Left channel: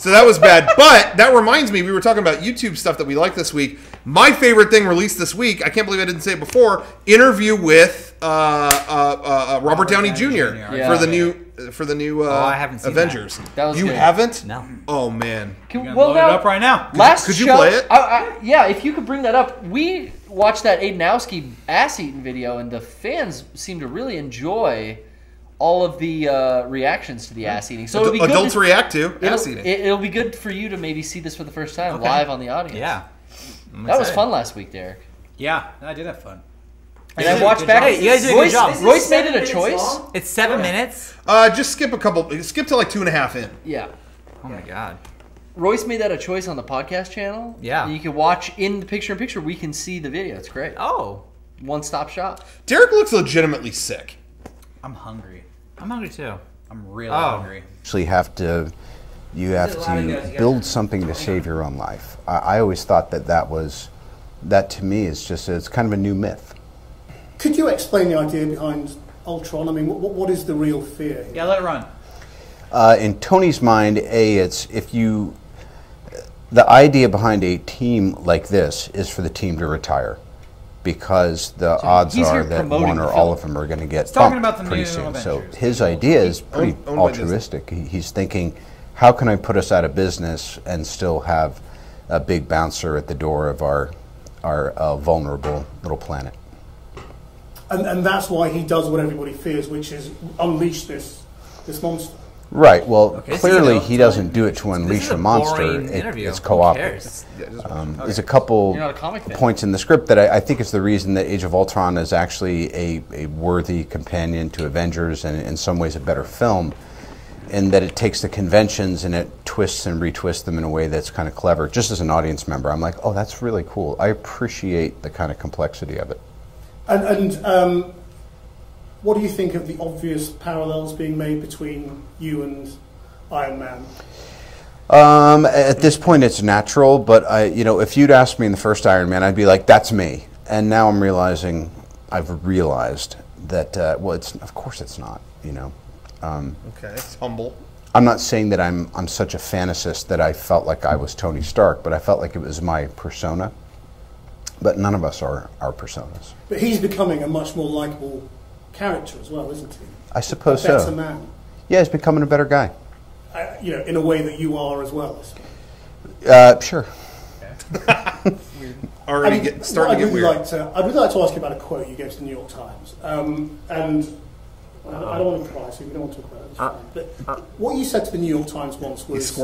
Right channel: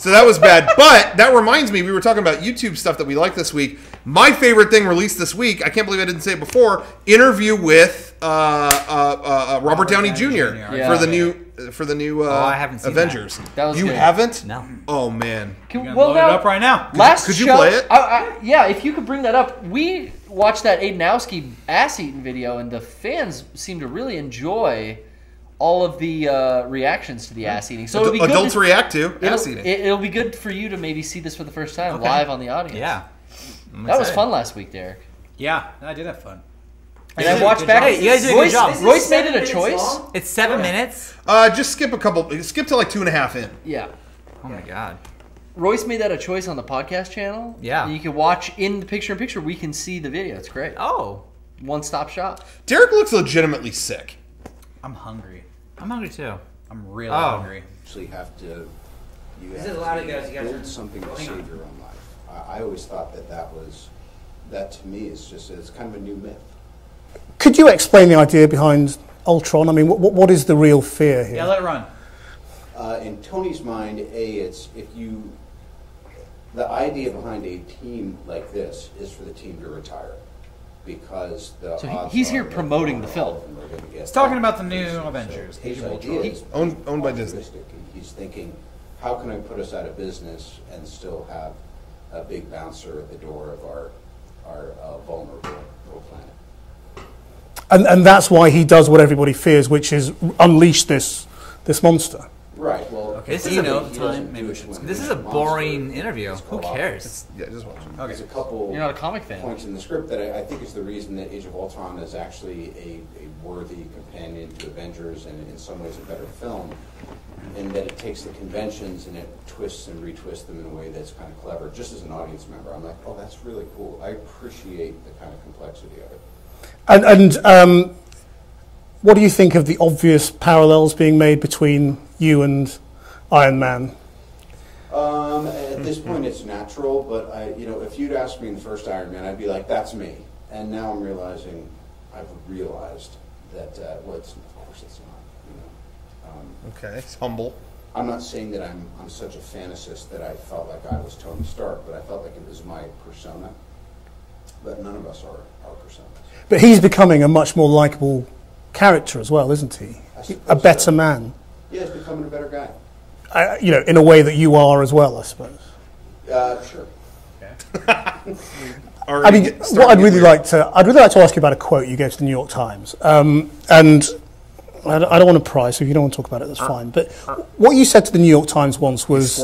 So that was bad. But that reminds me, we were talking about YouTube stuff that we like this week. My favorite thing released this week, I can't believe I didn't say it before, interview with Robert Downey Jr. For the new I haven't seen Avengers. That was you good. haven't? No. Oh, man. Well, load it up right now. Could you play it? Yeah, if you could bring that up. We watched that Adenowski ass-eating video, and the fans seem to really enjoy all of the reactions to the ass-eating. So it'll be good adults react to ass-eating. It'll be good for you to maybe see this for the first time live on the audience. Yeah. That was fun last week, Derek. Yeah, I did have fun. And I watched back. Hey, you guys did a good job. Royce made it a choice. It's 7 minutes? Just skip to like 2.5 in. Yeah. Oh, my God. Royce made that a choice on the podcast channel. Yeah. And you can watch in the picture-in-picture. We can see the video. It's great. Oh. One-stop shop. Derek looks legitimately sick. I'm hungry. I'm hungry, too. I'm really hungry. You have to build something to save your own life. I always thought that to me is just, it's kind of a new myth. Could you explain the idea behind Ultron? I mean, what is the real fear here? Yeah, let it run. In Tony's mind, the idea behind a team like this is for the team to retire, because the odds are that one or all of them are going to get. He's talking about the pretty new soon. Avengers. So his idea is pretty altruistic. He's thinking, how can I put us out of business and still have a big bouncer at the door of our vulnerable little planet? And that's why he does what everybody fears, which is unleash this monster. Right. Well, Okay, clearly he doesn't do it to unleash a monster. This is a boring interview. It's Who cooperative. cares? There's a couple You're not a comic fan. points in the script that I think is the reason that Age of Ultron is actually a worthy companion to Avengers, and in some ways a better film, in that it takes the conventions and it twists and retwists them in a way that's kind of clever. Just as an audience member, I'm like, oh, that's really cool. I appreciate the kind of complexity of it. And what do you think of the obvious parallels being made between you and Iron Man? At this point, it's natural, but if you'd asked me in the first Iron Man, I'd be like, "That's me." And now I've realized that of course it's not. Okay, it's humble. I'm not saying that I'm such a fantasist that I felt like I was Tony Stark, but I felt like it was my persona. But none of us are our personas. But he's becoming a much more likable character as well, isn't he? I suppose a better so. man. Yeah, he's becoming a better guy. In a way that you are as well, I suppose. Sure. I mean, I'd really like to ask you about a quote you gave to the New York Times, and I don't want to pry, so if you don't want to talk about it, that's fine. But what you said to the New York Times once was,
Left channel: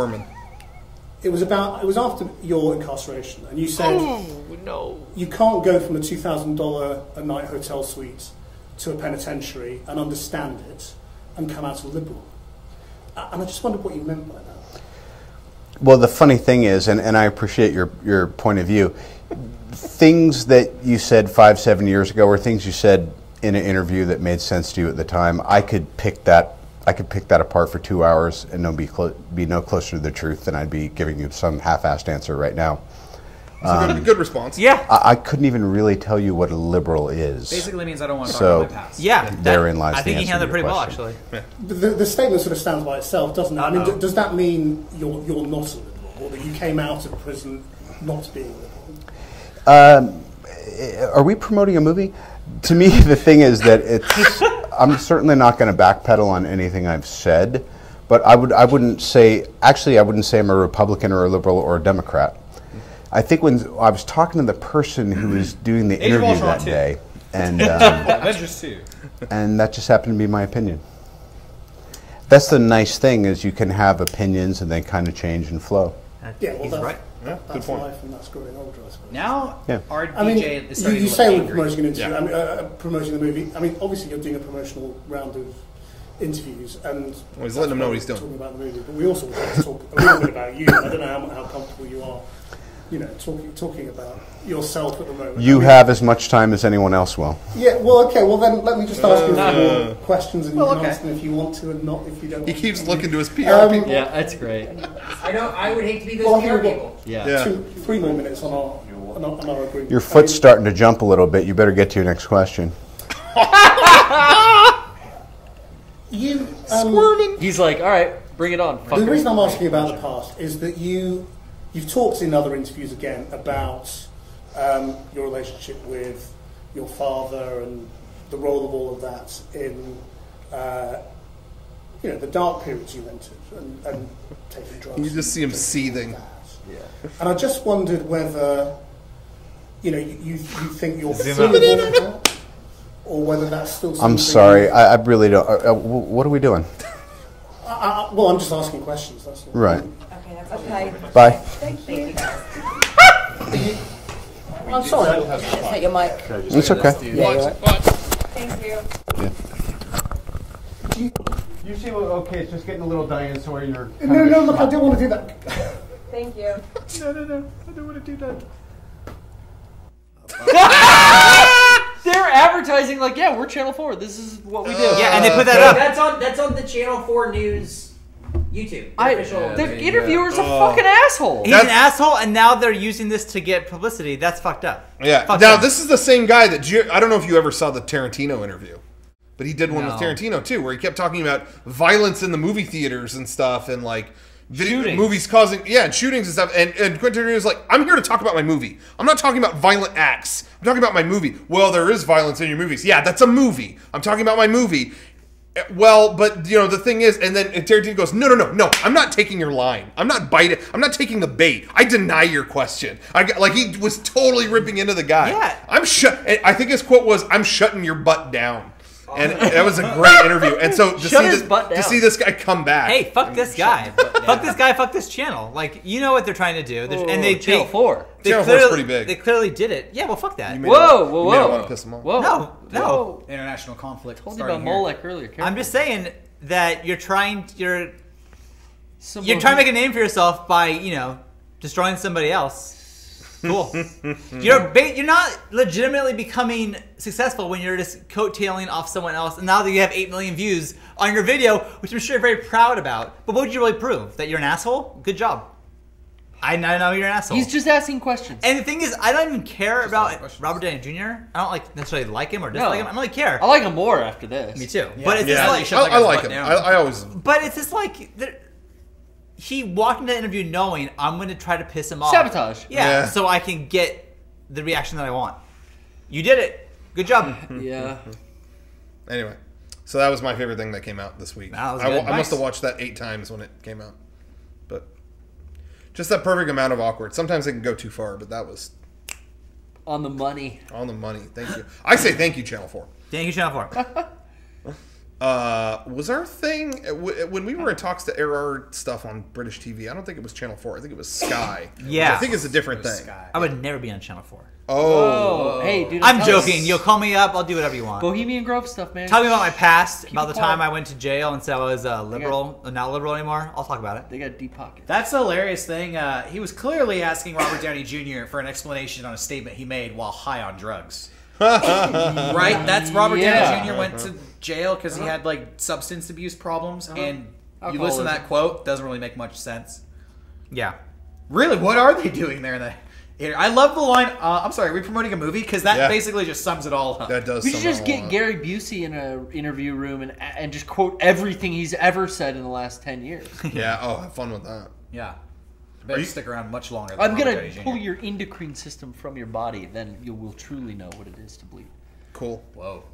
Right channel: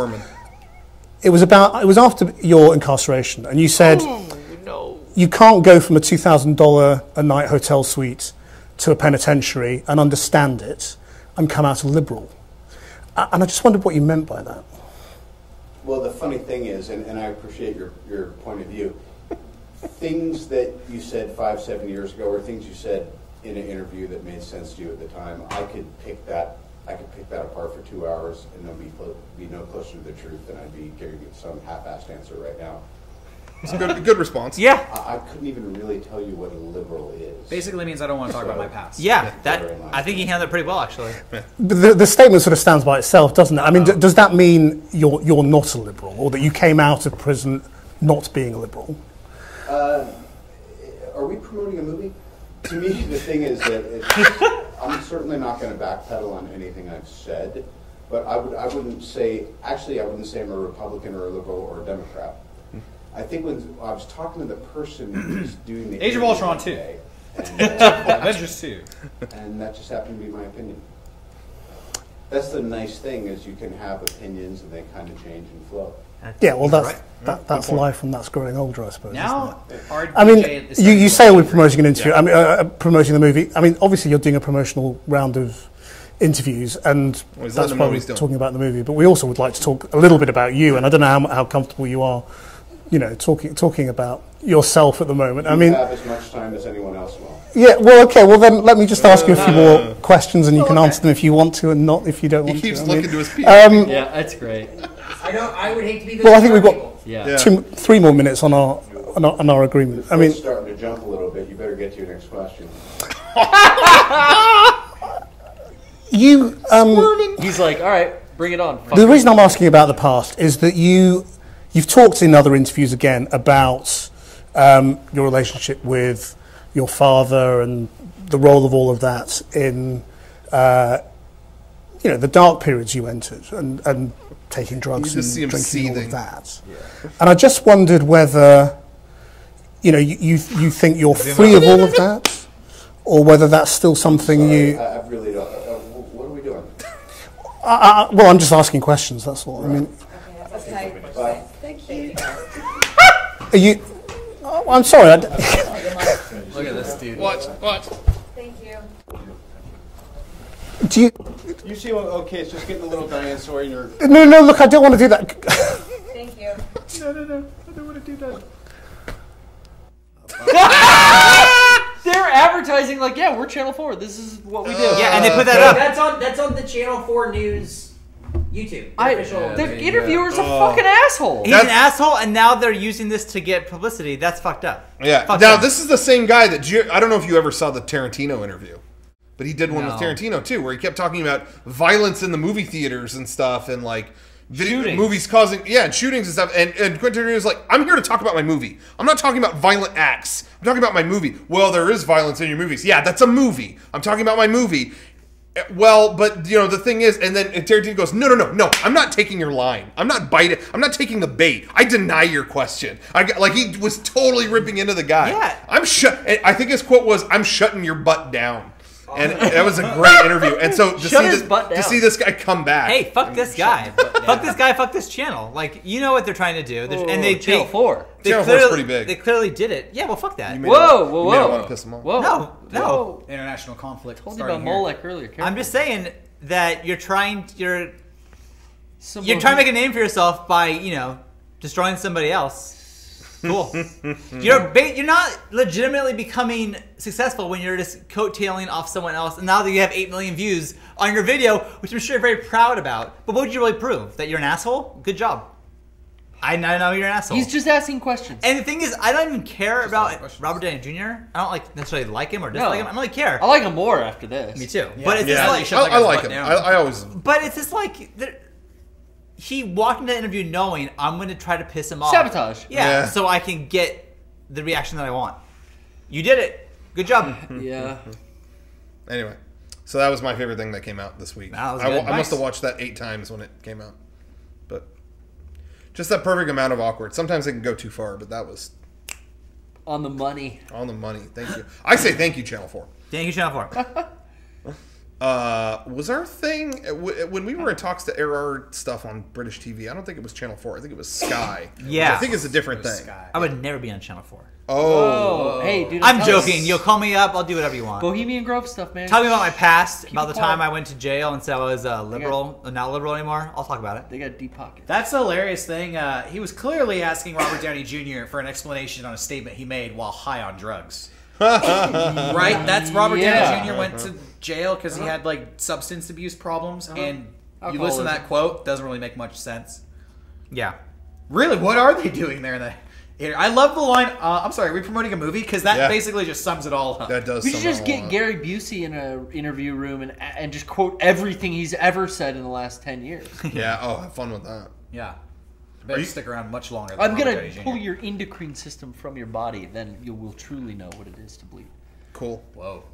it was after your incarceration, and you said, you can't go from a $2,000 a night hotel suite to a penitentiary and understand it and come out a liberal. And I just wondered what you meant by that. Well, the funny thing is, and I appreciate your point of view, things that you said 5-7 years ago, or things you said in an interview that made sense to you at the time, I could pick that apart for 2 hours and be no closer to the truth than I'd be giving you some half-assed answer right now. It's a good response. Yeah. I couldn't even really tell you what a liberal is. Basically means I don't want to talk about my past. Yeah, therein lies I think he handled it pretty well, actually. But the statement sort of stands by itself, doesn't it? I mean, does that mean you're not a liberal, or that you came out of prison not being a liberal? Are we promoting a movie? To me, the thing is that I'm certainly not going to backpedal on anything I've said, but I wouldn't say I'm a Republican or a liberal or a Democrat. I think when I was talking to the person who was doing the interview that day, and Avengers 2, and that just happened to be my opinion. That's the nice thing, is you can have opinions and they kind of change and flow. Yeah, well, that's life, and that's growing older, I suppose. Now, I mean, you say we're promoting an interview. I mean, promoting the movie. I mean, obviously, you're doing a promotional round of interviews, and that's probably talking about the movie. But we also would like to talk a little bit about you, and I don't know how comfortable you are, talking about yourself at the moment. You have as much time as anyone else will. Yeah, well, okay, well then let me just ask you a few more questions, and you can answer them if you want to, and not if you don't want to. He keeps looking to his PR people. Yeah, that's great. I would hate to be those well, I think we've got people. 3 more minutes on our agreement. Your foot's starting to jump a little bit. You better get to your next question. He's like, all right, Bring it on. The reason I'm asking about the past is that you've talked in other interviews again about your relationship with your father and the role of all of that in the dark periods you entered and taking drugs. You just see him seething. That. Yeah. And I just wondered whether you think you're free of all of that, or whether that's still something. I'm sorry, I really don't. What are we doing? Well, I'm just asking questions. That's all. Right. Okay. Bye. Thank you. Are you? I'm sorry. It's okay. What? Thank you. Do you? You seem okay. It's just getting a little dinosaur in your. No. Look, I don't want to do that. Thank you. No. I don't want to do that. They're advertising like, yeah, we're Channel 4. This is what we do. Yeah, and they put that up. That's on the Channel 4 News YouTube. The interviewer's a fucking asshole. He's an asshole, and now they're using this to get publicity. That's fucked up. Yeah. Now, this is the same guy that I don't know if you ever saw the Tarantino interview, but he did one with Tarantino too, where he kept talking about violence in the movie theaters and stuff, and like movies causing and shootings and stuff. And Quentin Tarantino's like, I'm here to talk about my movie. I'm not talking about violent acts. I'm talking about my movie. Well, there is violence in your movies. Yeah, that's a movie. I'm talking about my movie. Well, but the thing is, and then Tarantino goes, no, I'm not taking your line. I'm not biting. I'm not taking the bait. I deny your question. He was totally ripping into the guy. Yeah. I think his quote was, "I'm shutting your butt down." And that was a great interview. And so to see this guy come back. Hey, fuck this guy. Fuck this guy. Fuck this channel. Like, you know what they're trying to do. And Channel 4. Channel 4 is pretty big. They clearly did it. Yeah, well, fuck that. You may not want to piss him off. Whoa. No. International conflict. Told you about Molech earlier. Careful. I'm just saying that you're trying to make a name for yourself by, destroying somebody else. Cool. You're not legitimately becoming successful when you're just coattailing off someone else. And now that you have 8 million views on your video, which I'm sure you're very proud about. But what would you really prove? That you're an asshole? Good job. I know you're an asshole. He's just asking questions. And the thing is, I don't even care about Robert Downey Jr. I don't necessarily like him or dislike him. I don't really care. I like him more after this. Me too. Yeah. But it's just like I like him. I always. But it's just like he walked into the interview knowing I'm going to try to piss him off. Sabotage. Yeah, so I can get the reaction that I want. You did it. Good job. Yeah. Anyway, so that was my favorite thing that came out this week. That was I good. must have watched that 8 times when it came out. But just that perfect amount of awkward. Sometimes they can go too far, but that was on the money. On the money. Thank you. I say thank you, Channel 4. Thank you, Channel 4. Was our thing when we were in talks to air our stuff on British TV? I don't think it was Channel 4. I think it was Sky. Yeah, I think it's a different thing. Sky. I would never be on Channel 4. Oh, hey, dude! I'm joking. You'll call me up. I'll do whatever you want. Bohemian Grove stuff, man. Tell me about my past, about the time I went to jail and said I was liberal, not liberal anymore. I'll talk about it. They got deep pockets. That's the hilarious thing. He was clearly asking Robert Downey Jr. for an explanation on a statement he made while high on drugs. Right? That's Robert Downey Jr. went to jail because he had substance abuse problems, and you listen to that quote, doesn't really make much sense. Yeah. Really, what are they doing there in the? I love the line. I'm sorry, are we promoting a movie? Because that basically just sums it all up. That does. We should just get Gary Busey in an interview room and just quote everything he's ever said in the last 10 years. Yeah. Oh, have fun with that. Yeah. Better stick around much longer. Than I'm Robert gonna pull your endocrine system from your body, then you will truly know what it is to bleed. Cool. Whoa.